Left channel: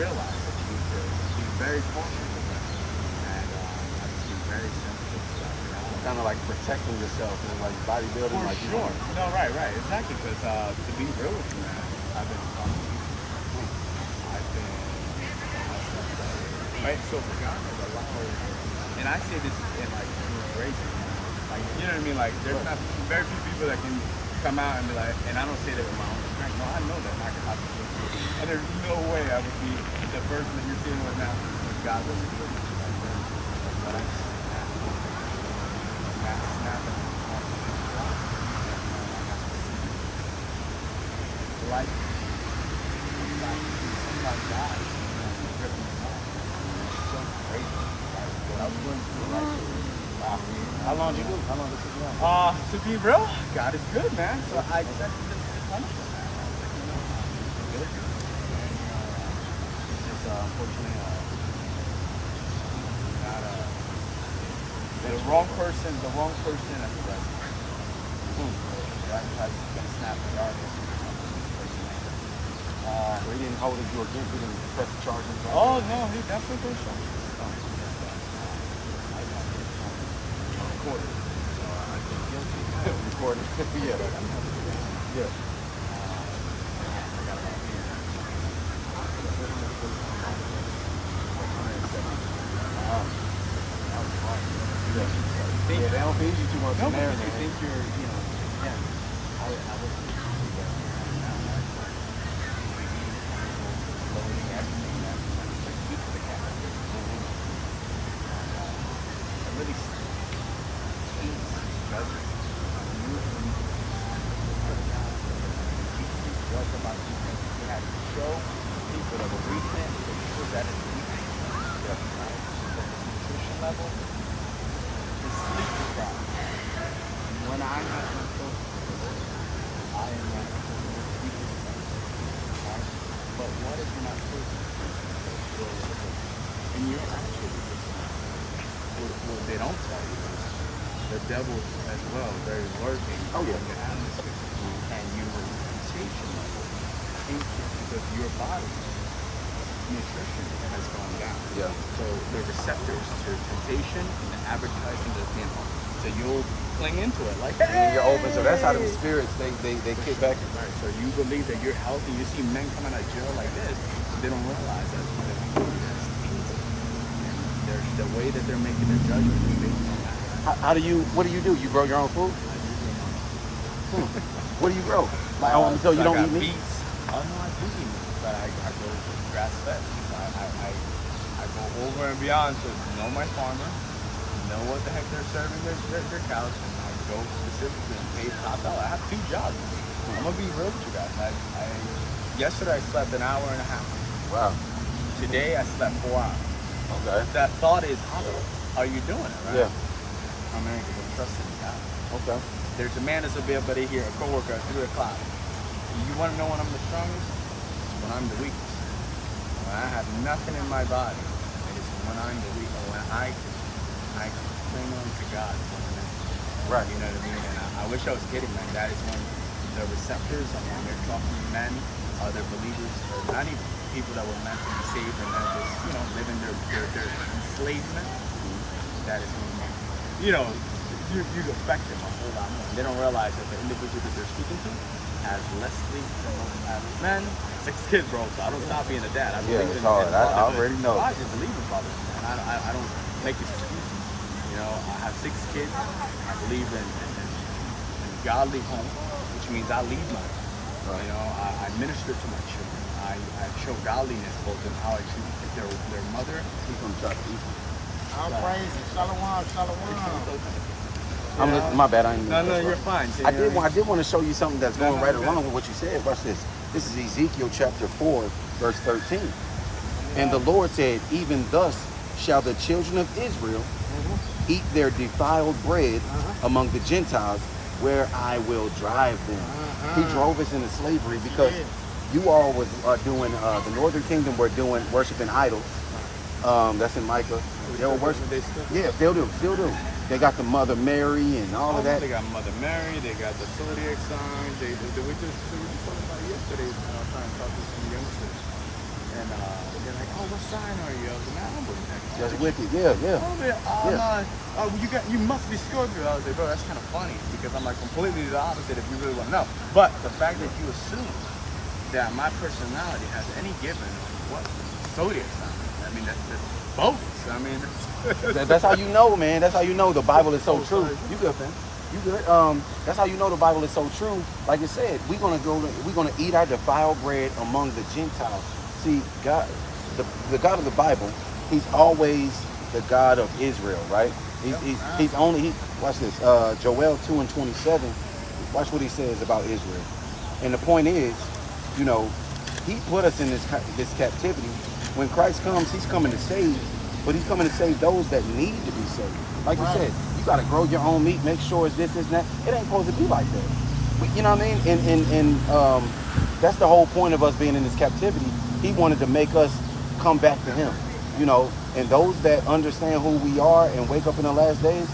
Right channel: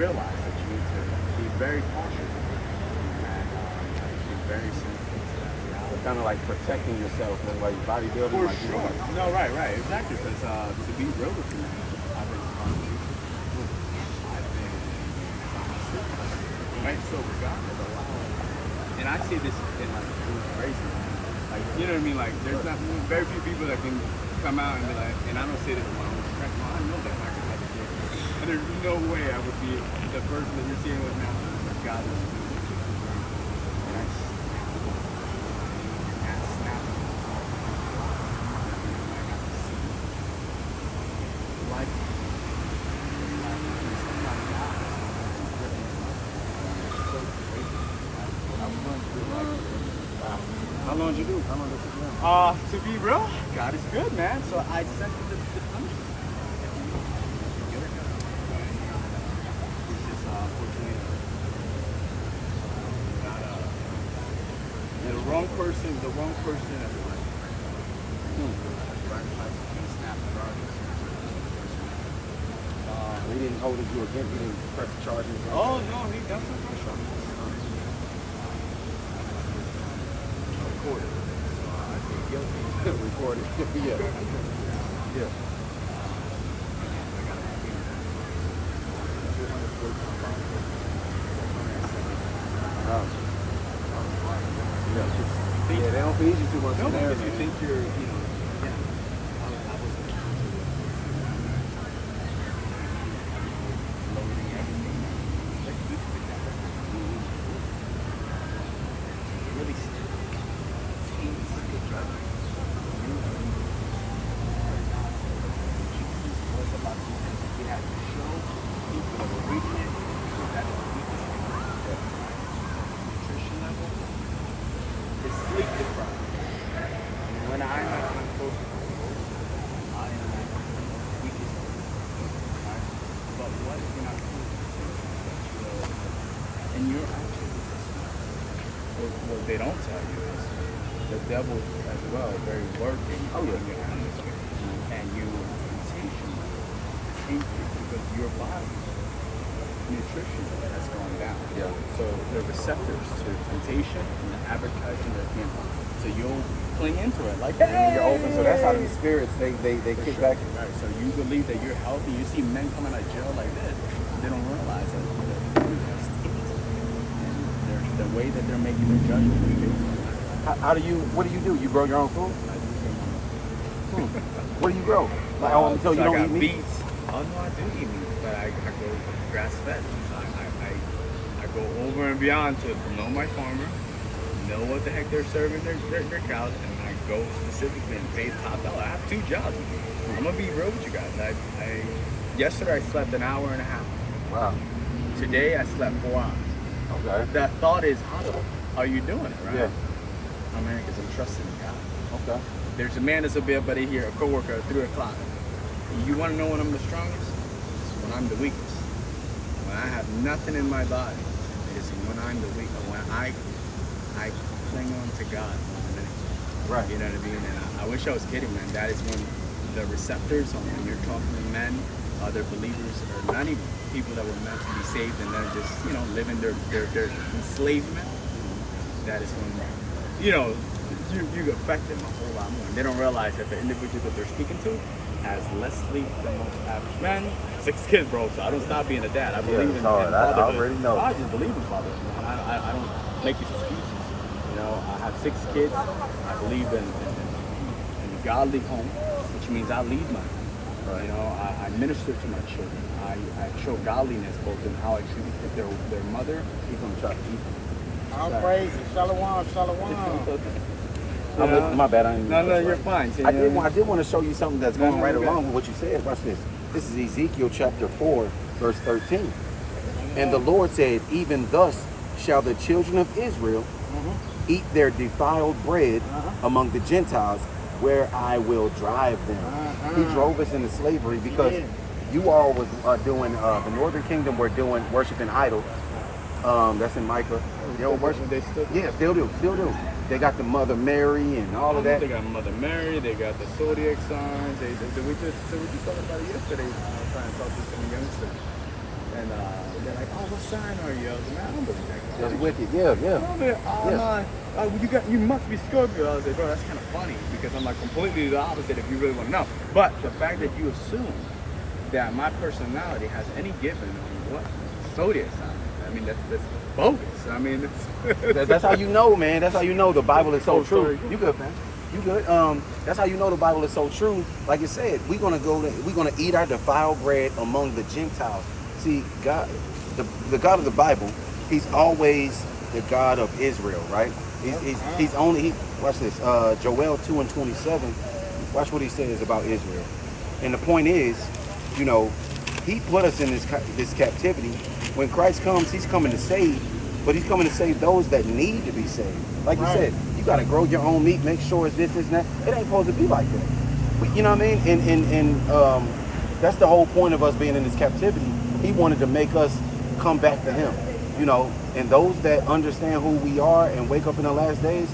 realize it's very fun. It's very simple. It's kind of like protecting yourself and like bodybuilding. For sure. No, right, exactly. Because to be real with you, I've been right. So the God has allowed, and I say this in like inspiration. Like, you know what I mean? Like, there's not very few people that can come out and be like, and I don't say that with my own strength. Well, I know that I can do it. And there's no way I would be the person that you're seeing right now. God does. But I'm life. How long did you do? How long did you do? To be real, God is good, man. So I accept it. The wrong person. They didn't hold it you against you and press charges. Oh no, he definitely goes so. Recorded. Yeah. Yeah. They don't feed you too much. No, because you think you're, what they don't tell you is the devil as well, very working. Oh yeah. And you know, taking increase of your body, nutrition is going down. Yeah. So we're receptors to temptation and the advertising of him. So you'll cling into it like that. When you're open, so that's how the spirits they kick back. So you believe that you're healthy, you see men coming like Joe like this, they don't realize that the way that they're making their judgment. What do? You grow your own food? What do you grow? Like, so you don't eat meat? Beets. I'm not eating meat, but I go grass fed. I go over and beyond to know my farmers, know what the heck they're serving their cows, and I go specifically and pay top dollar. I have 2 jobs. I'm gonna be real with you guys. Yesterday I slept an hour and a half. Wow. Today I slept 4 hours. Okay. That thought is, how are you doing it, right? Yeah. I'm man, because I'm trusting God. Okay. There's a man that's a bit buddy here, a coworker at 3 o'clock. You want to know when I'm the strongest? It's when I'm the weakest. When I have nothing in my body. It's when I'm the weakest. When I cling on to God. Right. You know what I mean? And I wish I was kidding, man. That is when the receptors, and when you're talking to men, other believers, or not even people that were meant to be saved, and they're just, living their enslavement. That is when, you affect them a whole lot more. They don't realize that the individual that they're speaking to has less sleep than most men. Man, 6 kids, bro, so I don't stop being a dad. I believe in fatherhood. I already know. I just believe in fatherhood. I don't make excuses. I have 6 kids. I believe in godly home, which means I lead them. I minister to my children. I show godliness both in how I treat their mother. All praise, shalom. My bad. No, you're fine. So I did want to show you something that's going right along with what you said. Watch this. This is Ezekiel chapter 4, verse 13. And the Lord said, even thus shall the children of Israel eat their defiled bread among the Gentiles, where I will drive them. He drove us into slavery because you all was doing, the northern kingdom were doing worshiping idols. That's in Micah. They were worshiping. They still do. Yeah, still do. They got the Mother Mary and all of that. They got Mother Mary. They got the zodiac signs. They were just talking about it yesterday. I was trying to talk to some youngsters. and they're like, oh, what sign are you? I was like, man, I'm a That's wicked. Yeah, yeah. Oh, man, you must be Scorpio. I was like, bro, that's kind of funny because I'm like completely the opposite if you really want to know. But the fact that you assume that my personality has any given what zodiac sign, I mean, that's bogus. I mean, That's how you know, man. That's how you know the Bible is so Oh, true. sorry. You good, fam? You good? That's how you know the Bible is so true. Like you said, we're gonna eat our defiled bread among the Gentiles. See, God, the God of the Bible, He's always the God of Israel, right? He's only watch this. Joel 2:27. Watch what he says about Israel. And the point is, you know, He put us in this captivity. When Christ comes, He's coming to save, but He's coming to save those that need to be saved. Like you said, you got to grow your own meat, make sure it's this, and that. It ain't supposed to be like that. But, you know what I mean? And that's the whole point of us being in this captivity. He wanted to make us come back to Him. You know, and those that understand who we are and wake up in the last days,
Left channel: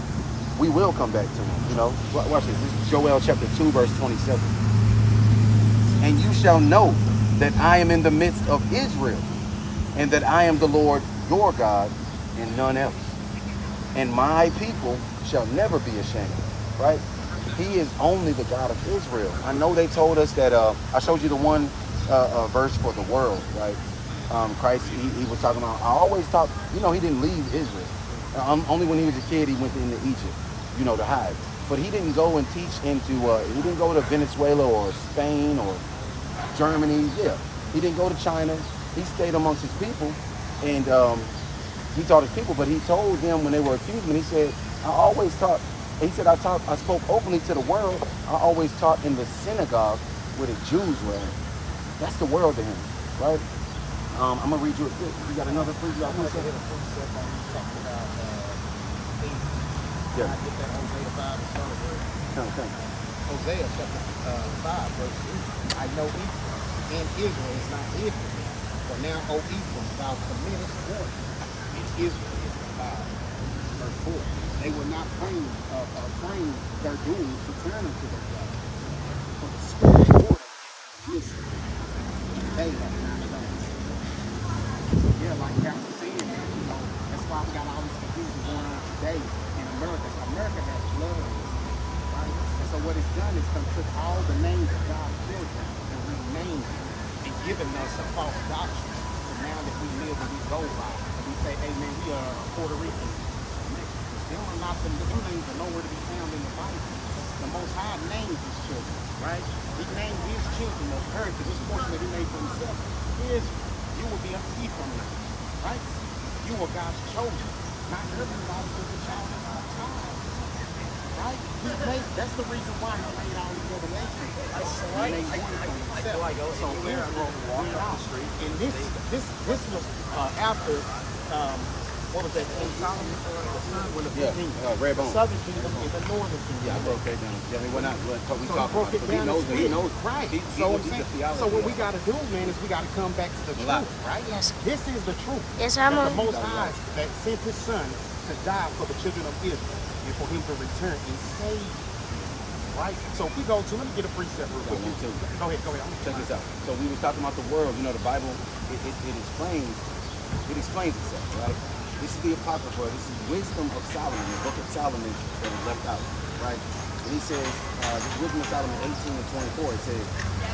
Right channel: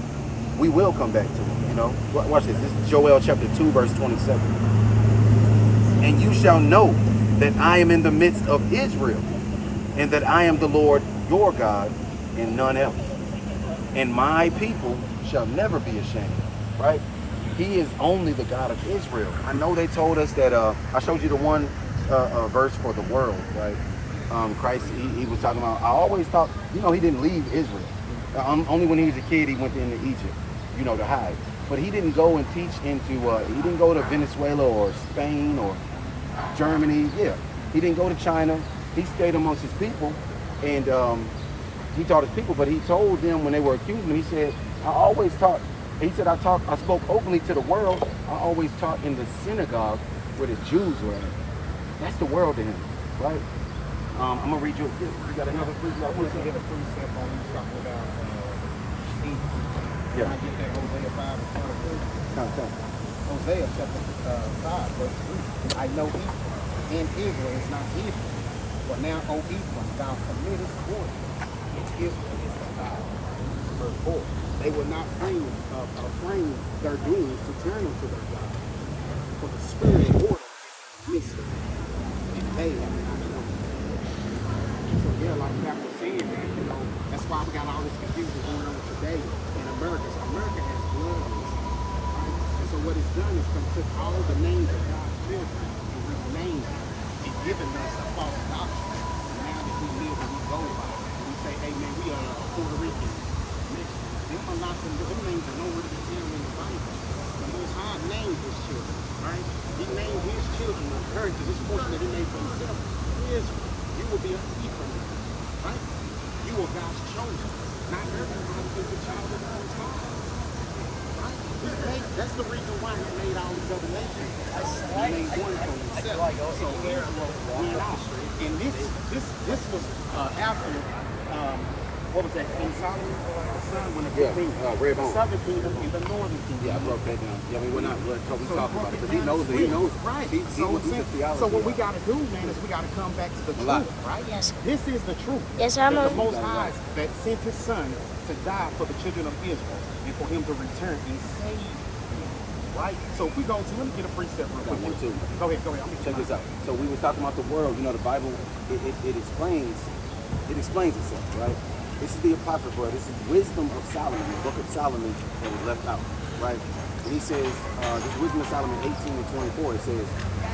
we will come back to Him. You know, watch this. This is Joel chapter 2, verse 27. And you shall know that I am in the midst of Israel, and that I am the Lord your God, and none else. And my people shall never be ashamed. Right? He is only the God of Israel. I know they told us that. I showed you the one verse for the world, right? Christ, he was talking about. I always thought, you know, He didn't leave Israel. Only when he was a kid he went into Egypt, you know, to hide. But He didn't go and teach into. He didn't go to Venezuela or Spain or Germany. Yeah, He didn't go to China. He stayed amongst His people, and He taught His people. But He told them when they were accusing Him, He said, "I always taught." He said, "I spoke openly to the world. I always taught in the synagogue where the Jews were." That's the world to Him, right? I'm gonna read you a bit. You got another piece? Yeah. Hosea chapter 5, verse 8. I know Ephraim, and Israel is not Israel. But now, O Ephraim, thou committest war, and Israel is defiled. Verse 4. They will not frame their doings to turn into the God. For the spirit of order is missing. And they so yeah, like Pastor said, man, you know, that's why we got all this confusion going on today in America. So America has blood on its hands, right? And so what it's doing is going to take all the names of God's children and rename them and giving us a false doctrine. And now that we live and we go by, and we say, hey man, we are Puerto Rican. Them are not them names are nowhere to be found in the Bible. The Most High named His children, right? He named His children or heritage. This portion of the name for Himself. Israel. You will be a people, right? You are God's chosen. Not everybody is the child of God's child. Right? That's the reason why He made all these other nations. He made one for Himself. So Israel went out. And this was after what was that? Red Bone. The southern kingdom and the northern kingdom. Yeah, I broke that down. Yeah, I mean, we're not we So talking about it. it He knows it. He knows. Right. So what we got to do, man, is we got to come back to the truth, right? Yes. This is the truth. Yes, That I'm the on. Most High that sent His Son to die for the children of Israel and for Him to return and save them, right? So if we go to, let me get a precept real quick. Go ahead. Check this out. So we were talking about the world. You know, the Bible, it explains itself, right? This is the Apocrypha. This is wisdom of Solomon, the book of Solomon that is left out, right? And he says, this wisdom of Solomon 18 and 24, it says,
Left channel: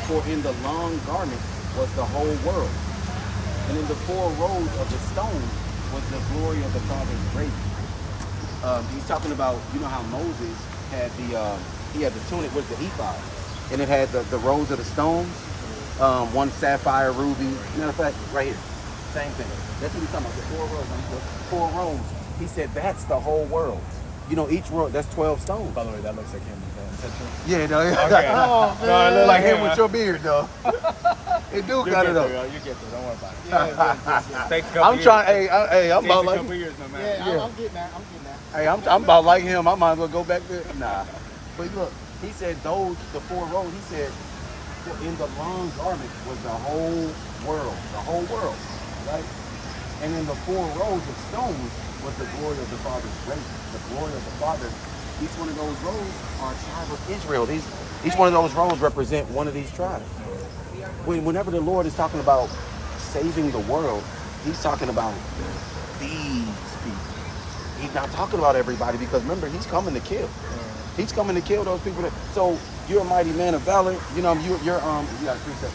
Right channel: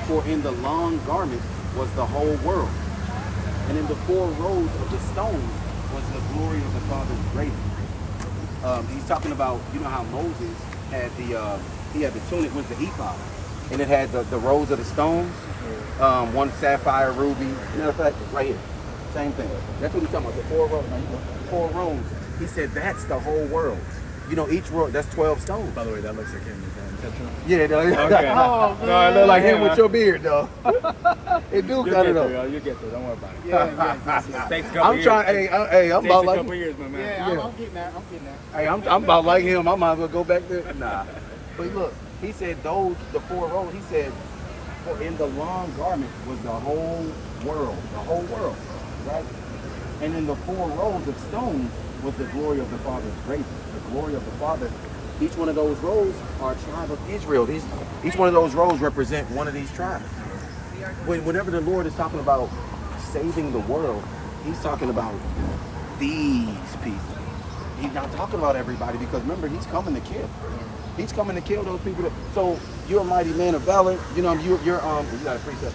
for in the long garment was the whole world, and in the 4 rows of the stones was the glory of the Father's grace. He's talking about, you know how Moses had the tunic with the ephod, and it had the rows of the stones, one sapphire, ruby. Matter of fact, right here. Same thing. That's what he's talking about. The 4 rows. The 4 rows. He said that's the whole world. You know, each row, that's 12 stones. By the way, that looks like him. Yeah, it does. Okay. Oh, man. No, I look like him with your beard, though. They do got it up. You get there. Don't worry about it. Yeah. Takes a couple I'm years. trying. Hey, I'm Takes about a like. couple years, my man. Yeah, I'm getting that. Hey, I'm about like him. I might as well go back there. Nah. But look, he said the 4 rows. He said that in the long garment was the whole world, right? And in the 4 rows of stones was the glory of the Father's grace, the glory of the Father. Each one of those rows are a tribe of Israel. Each one of those rows represent one of these tribes. Whenever the Lord is talking about saving the world, he's talking about these people. He's not talking about everybody because remember, he's coming to kill. He's coming to kill those people. So you're a mighty man of valor. You know, you're you got a precept.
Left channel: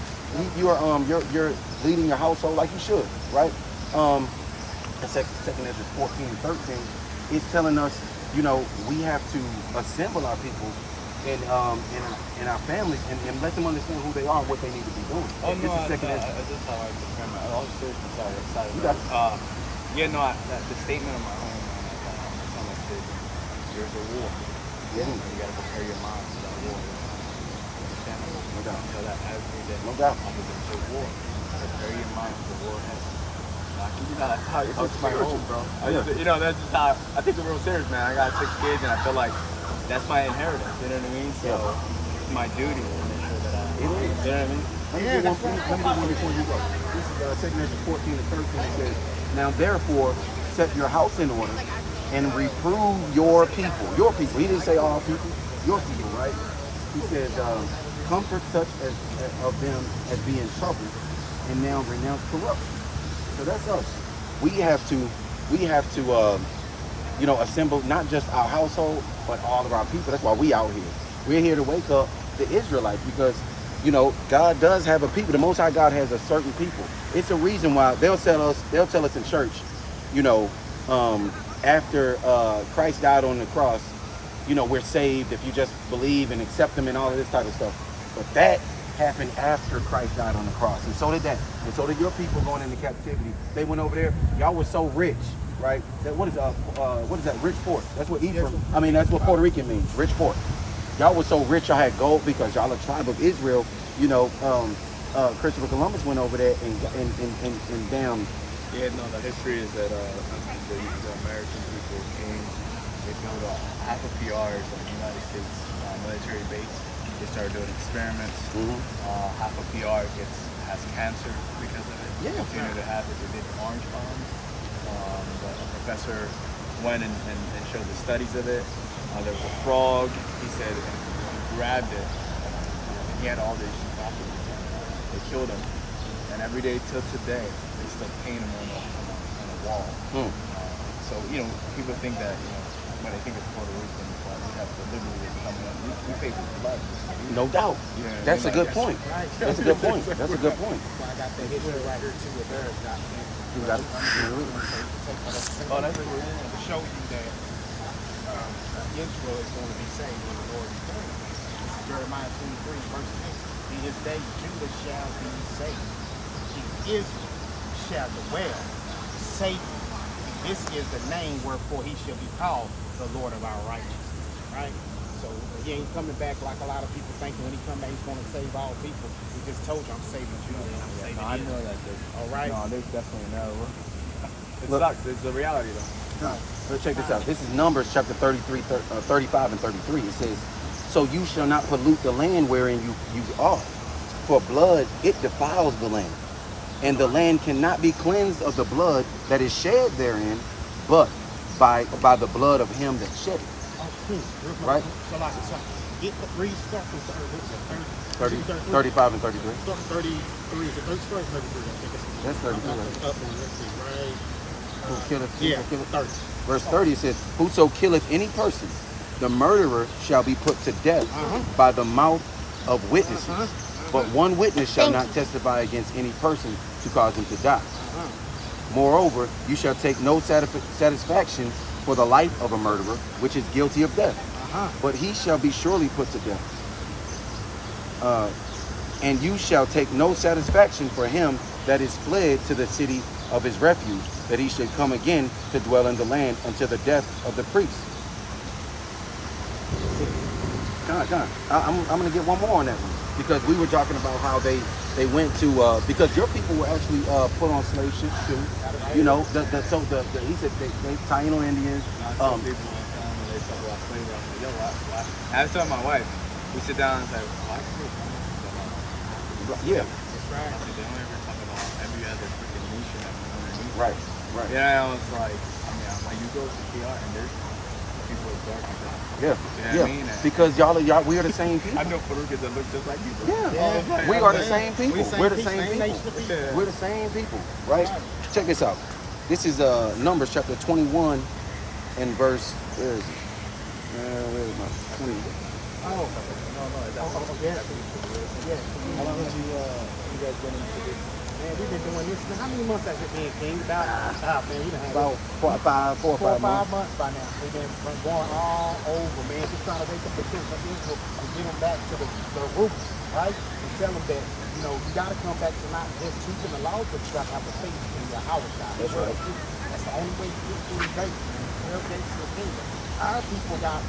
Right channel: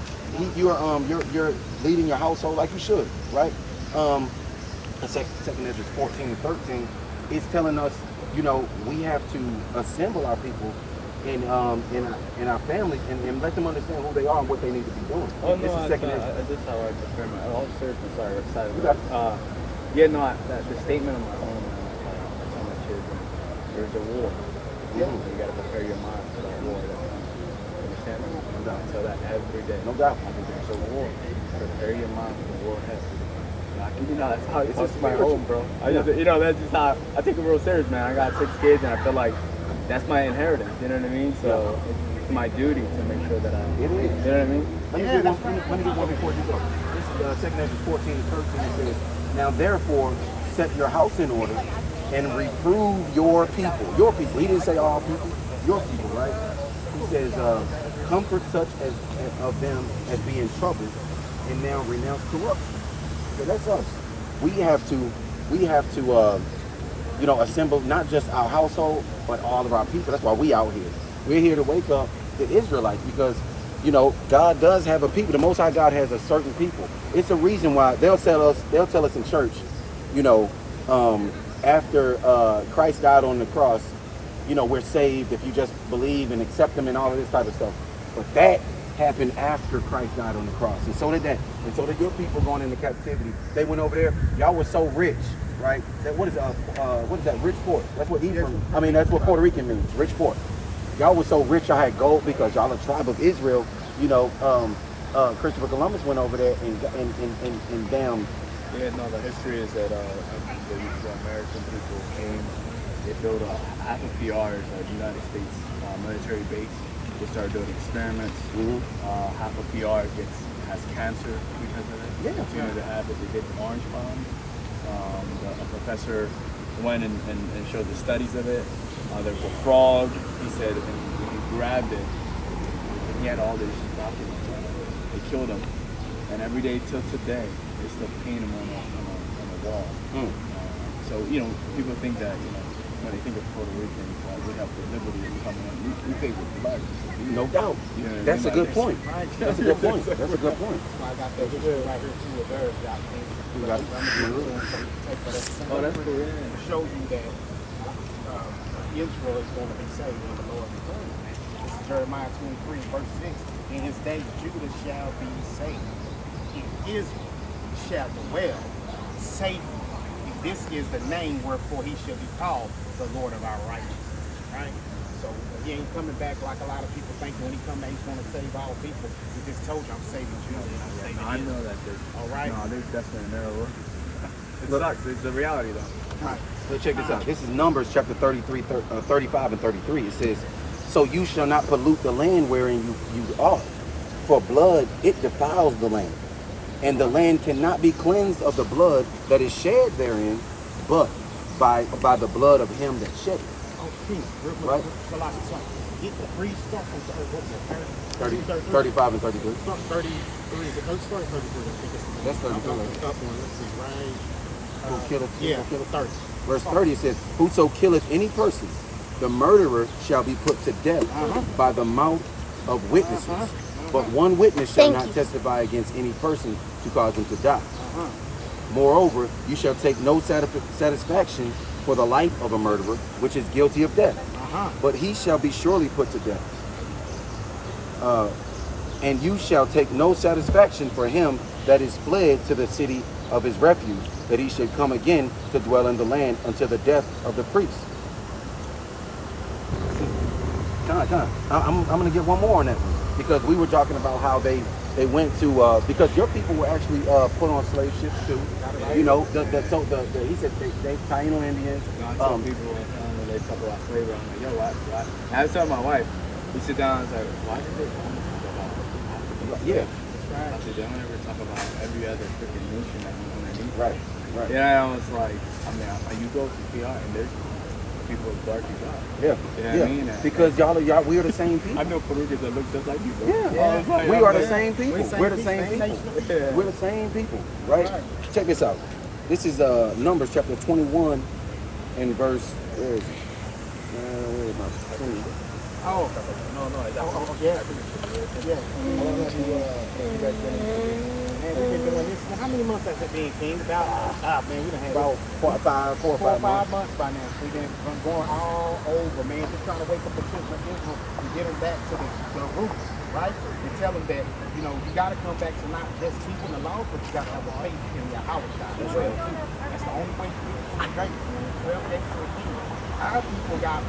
You're leading your household like you should, right? In second Ezra 14 and 13, he's telling us, you know, we have to assemble our people and our families and let them understand who they are and what they need to be doing. Oh, no, this is second Ezra. I just had I'm sorry, excited. Okay. Yeah, no, the statement of my own on the children, there's a war. Yeah. You gotta prepare your mind for that war. Understand? No doubt. So that every day. No doubt. I'm going to war. Prepare your mind for the war ahead. You know, that's how It's it's my spiritual. home, bro. Yeah. You know, that's just how I take the world serious, man. I got 6 kids, and I feel like that's my inheritance. You know what I mean? So it's my duty to make sure that I. You know what I mean? Let me do this one before you go. This is second Ezra 14 and 13. It says, now therefore set your house in order and reprove your people. Your people. He didn't say all people. Your people, right? He says, comfort such as of them as being troubled and now renounce corruption. So that's us. We have to you know, assemble not just our household, but all of our people. That's why we out here. We're here to wake up the Israelites because, you know, God does have a people. The Most High God has a certain people. It's a reason why they'll tell us in church, you know, after Christ died on the cross, you know, we're saved if you just believe and accept him and all of this type of stuff. But that happened after Christ died on the cross. And so did that. And so did your people going into captivity. They went over there. Y'all were so rich, right? What is that? Rich port. That's what Ephraim, I mean, that's what Puerto Rican means, rich port. Y'all were so rich, y'all had gold because y'all a tribe of Israel. You know, Christopher Columbus went over there and damn. Yeah, no, the history is that the American people they built up half of PRs in the United States military base. They started doing experiments. Half of PR has cancer because of it. Yeah. Continue to have it. They did orange bombs. The professor went and showed the studies of it. There was a frog. He said when he grabbed it, he had all these documents. They killed him. And every day till today, it's the painting on the wall. So, you know, people think that when they think of Puerto Rican, we have the liberty of coming up. We pay with blood. No doubt. You know, That's a good point. That's a good point. That's a good point. You got it? Oh, that's cool. Show you that Israel is going to be saved in the Lord. Jeremiah 23, verse 6. In his day, Judah shall be saved. Israel shall dwell safely. This is the name wherefore he shall be called the Lord of our righteousness. Right? So he ain't coming back like a lot of people think when he come back he's going to save all people. He just told you I'm saving Judah and I'm saving I Israel. know that there's, All right? no, there's definitely no. It Look. sucks. It's the reality, though. Let's check this out. This is Numbers chapter 35 and 33. It says, so you shall not pollute the land wherein you are. For blood, it defiles the land. And the land cannot be cleansed of the blood that is shed therein, but by the blood of him that shed it. Right? Get the three stuff and say, 35 and 33. 30, That's 33, right? Who killeth, Yeah, who killeth? 30. Verse 30 says, whoso killeth any person, the murderer shall be put to death by the mouth of witnesses. But one witness shall not testify against any person to cause him to die. Moreover, you shall take no satisfaction for the life of a murderer, which is guilty of death. But he shall be surely put to death. And you shall take no satisfaction for him that is fled to the city of his refuge, that he should come again to dwell in the land until the death of the priest. I'm going to get one more on that one. Because we were talking about how they went to, because your people were actually put on slave ships too. You know, he said they Taino Indians. Some people, they talk about slavery. I was telling my wife, we sit down and say, why slavery? Yeah. They never talk about every other freaking nation underneath. Right. Yeah, I was like, you go to PR and there's people as dark as us. Yeah, You know what yeah. I mean? Because y'all, we are the same people. I know Puerto that look just like you, bro. Yeah, we are the same people. We're the same people. Yeah. We're the same people, right? Check this out. This is Numbers chapter 21 and verse. Where is it? Where is it? 20. We've been doing this. How many months has it been, King? About, man, we done had About 4 or 5 4 or 5 months. months by now. We've been going all over, man. Just trying to wake up the children of Israel and get them back to the roots, right? And tell them that, you know, you got to come back to not just keeping the laws, but you got to have a faith in your house, God. That's right. That's the only way to get through the day. Our people got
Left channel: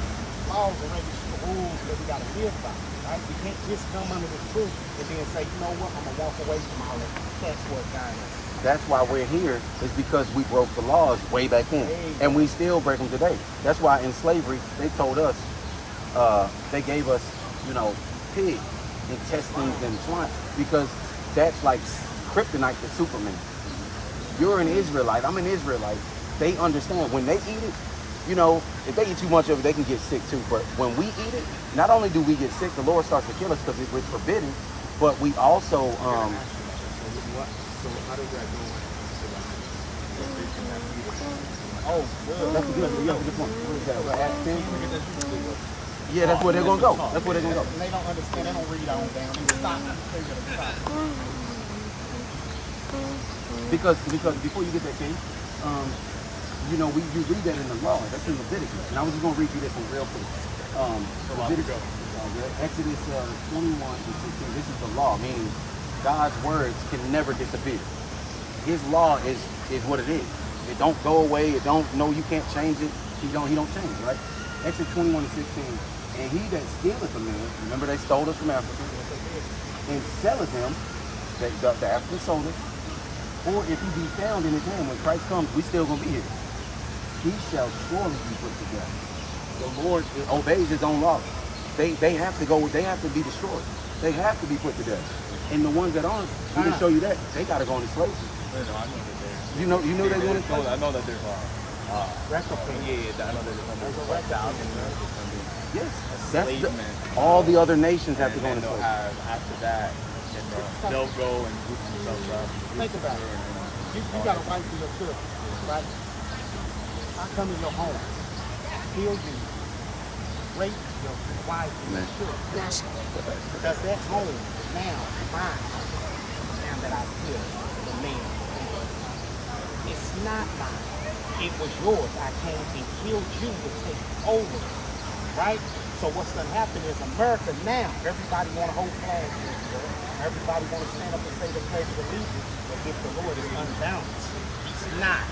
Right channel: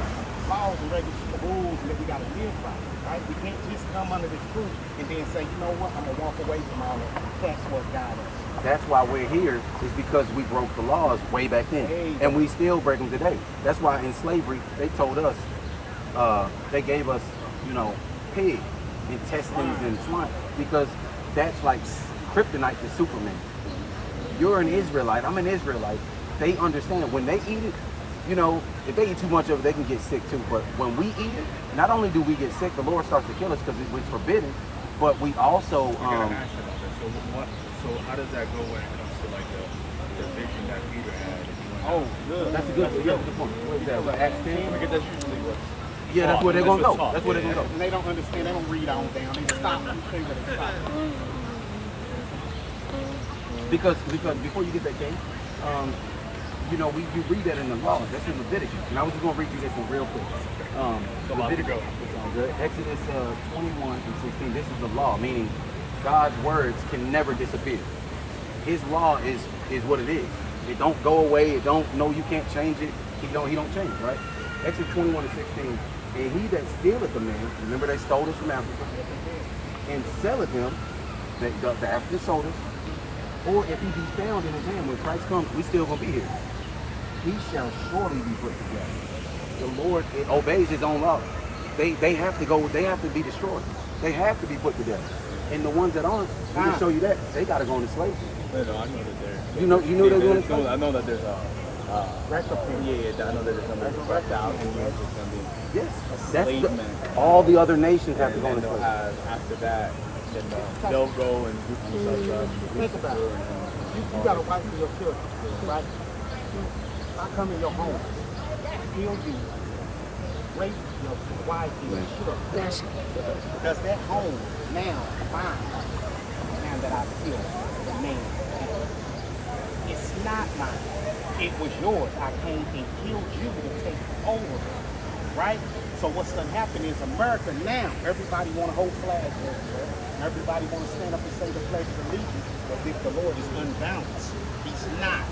laws and regulations, rules that we got to live by, right? We can't just come under the truth and then say, you know what, I'm going to walk away from all that. That's what God is. That's why we're here, is because we broke the laws way back then. And we still break them today. That's why in slavery, they told us, they gave us, you know, pig, intestines and swine, because that's like kryptonite to Superman. You're an Israelite, I'm an Israelite. They understand when they eat it, you know, if they eat too much of it, they can get sick too. But when we eat it, not only do we get sick, the Lord starts to kill us because it's forbidden, but we also, So how does that go when it comes to like the religion that we have? oh, that's a good point. What is that? Acts 10? Yeah, that's where they're gonna go. That's where they're gonna go. And they don't understand. They don't read on down. They stop. Because before you get that, King, you know, you read that in the law. That's in Leviticus. And I was just gonna read you this one real quick. Leviticus, Exodus 21 and 16. This is the law, meaning God's words can never disappear. His law is what it is. It don't go away. It don't. No, you can't change it. He don't change, right? Exodus 21 and 16. And he that stealeth the man, remember they stole us from Africa, and selleth him, the African sold us, or if he be found in his hand when Christ comes, we still gonna be here. He shall surely be put to death. The Lord obeys his own law. They have to go. They have to be destroyed. They have to be put to death. And the ones that aren't, we can show you that they gotta go into slavery. You know they're going to slavery. I know that there's That's the thing. I know that there's Yes, all the other nations have to go into slavery. after that, they'll go and group themselves up. Think about it. You got a wife for your children, right? I come in your home, kill you, rape your wife and your children. Because that home now, mine, now that I kill the man. It's not mine. It was yours. I came and killed you to take over. Right? So what's going to happen is America now, everybody want to hold flag. Everybody want to stand up and say the pledge of allegiance. But if the Lord is unbalanced, he's not.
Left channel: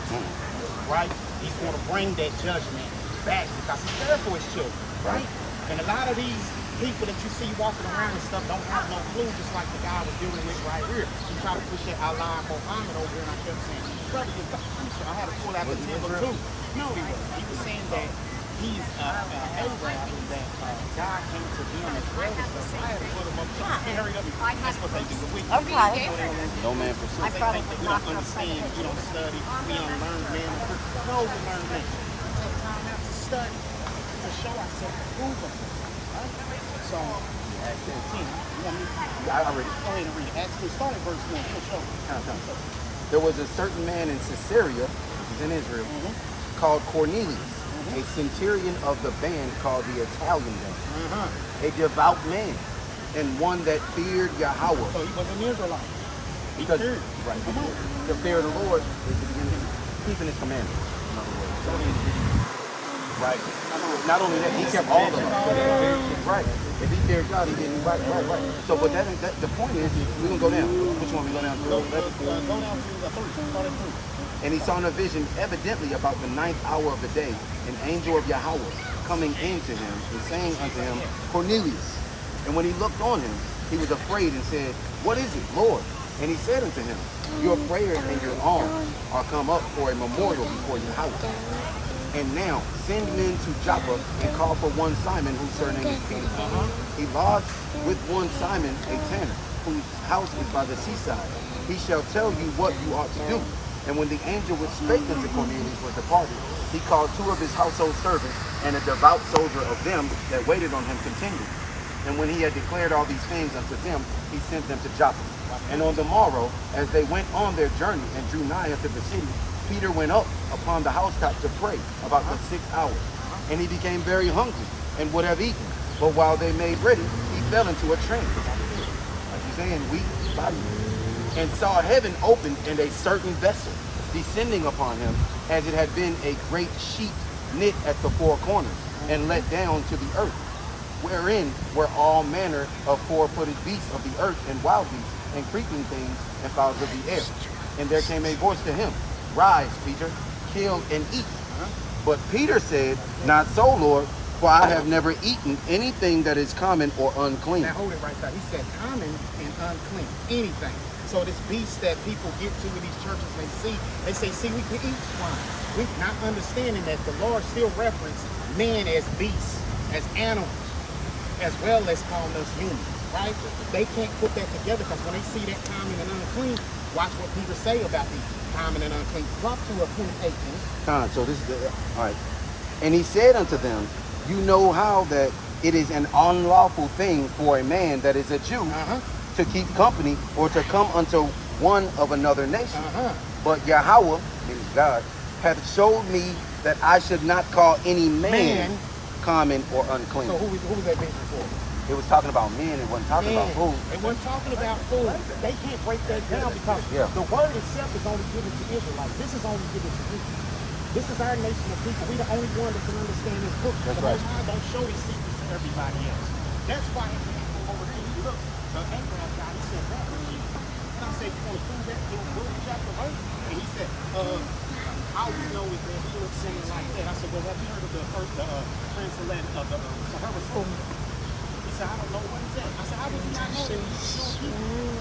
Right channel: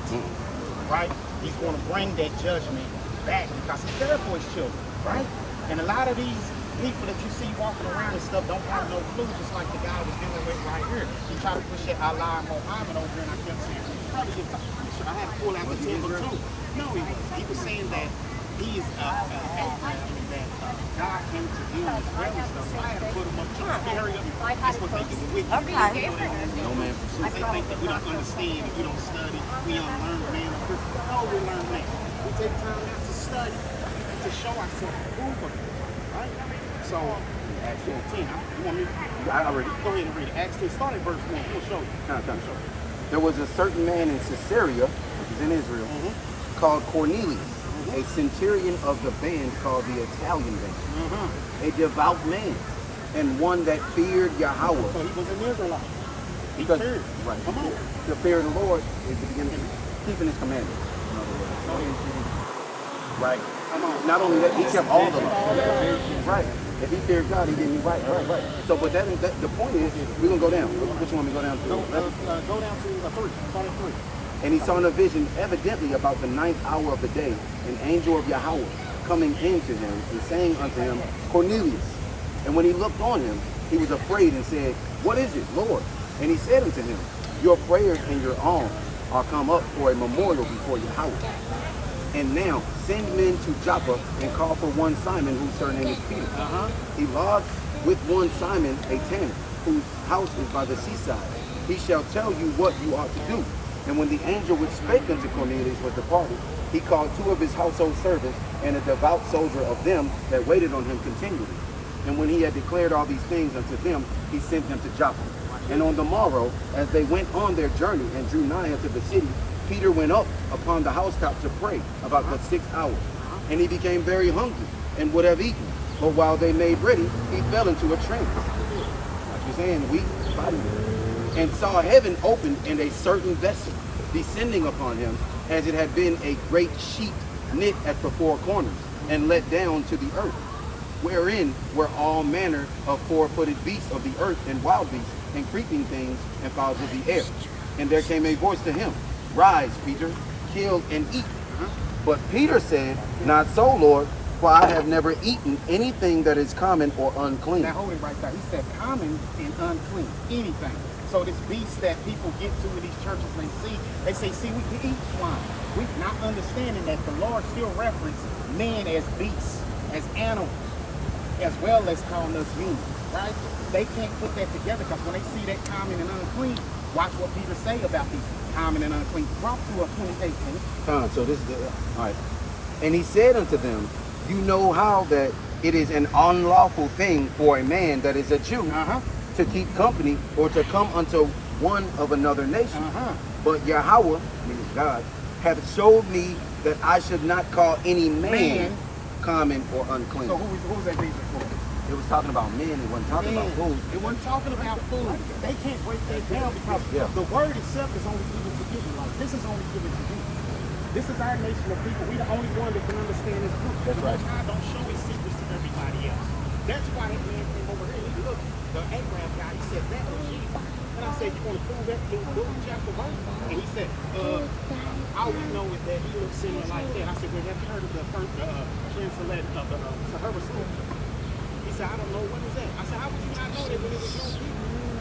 Right? He's going to bring that judgment back because he's there for his children. Right? And a lot of these people that you see walking around and stuff don't have no clue, just like the guy was dealing with right here. He tried to push that Allah Muhammad over and I kept saying, I had to pull out the 10 or 2. No, he was saying that he is Abraham, that God came to him as well. So I had to put him up to the area. That's what they do with you. No man for I probably would not understand. We don't study. We don't learn man. Before we learn man, we take time to study, to show ourselves approved. So, 14. I already go ahead and read. Actually, start at verse 1. There was a certain man in Caesarea, which is in Israel, called Cornelius, a centurion of the band called the Italian band, a devout man, and one that feared Yahweh. So he was an Israelite. Because the fear of the Lord is the beginning of keeping his commandments. Right. Not only that, he kept all of them. Right. If he feared God, he didn't right. So, but that the point is, we're gonna go down. What you want me to go down to? Go down to the 3. Start at 3. And he saw in a vision, evidently about the 9th hour of the day, an angel of Yahweh coming into him and saying unto him, Cornelius. And when he looked on him, he was afraid and said, What is it, Lord? And he said unto him, Your prayers and your alms are come up for a memorial before your house. And now send men to Joppa and call for one Simon whose surname is Peter. He lodged with one Simon, a tanner, whose house is by the seaside. He shall tell you what you ought to do. And when the angel which spake unto Cornelius was departed, he called 2 of his household servants and a devout soldier of them that waited on him continually. And when he had declared all these things unto them, he sent them to Joppa. And on the morrow, as they went on their journey and drew nigh unto the city, Peter went up upon the housetop to pray about the 6th hour. And he became very hungry and would have eaten. But while they made ready, he fell into a trance. He's saying weak body. And saw heaven open and a certain vessel descending upon him, as it had been a great sheet knit at the 4 corners and let down to the earth, wherein were all manner of 4-footed beasts of the earth and wild beasts and creeping things and fowls of the air. And there came a voice to him, Rise, Peter, kill and eat. But Peter said, Not so, Lord, for I have never eaten anything that is common or unclean. Now hold it right there. He said common and unclean, anything. So this beast that people get to in these churches, they say, see, we can eat swine. We're not understanding that the Lord still references men as beasts, as animals, as well as calling us humans, right? They can't put that together because when they see that common and unclean, watch what people say about these common and unclean. Drop to a 28. So this is all right. And he said unto them, You know how that it is an unlawful thing for a man that is a Jew to keep company or to come unto one of another nation. But Yahweh, God, hath showed me that I should not call any man common or unclean. So who's that being for? It was talking about men, it wasn't talking about food. It wasn't talking about food. They can't break that down because the word itself is only given to Israelites. This is only given to people. This is our nation of people. We're the only one that can understand this book. That's right. Don't show these secrets to everybody else. That's why that man came over here. Look, the Abraham guy, he said that. And I said, you want to prove that? Look at the verse. And he said, how we know is that he was sinning like that. I said, well, have you heard of the first translated of the Sahara story? He said, I don't know what he said. I said, how would you not know that?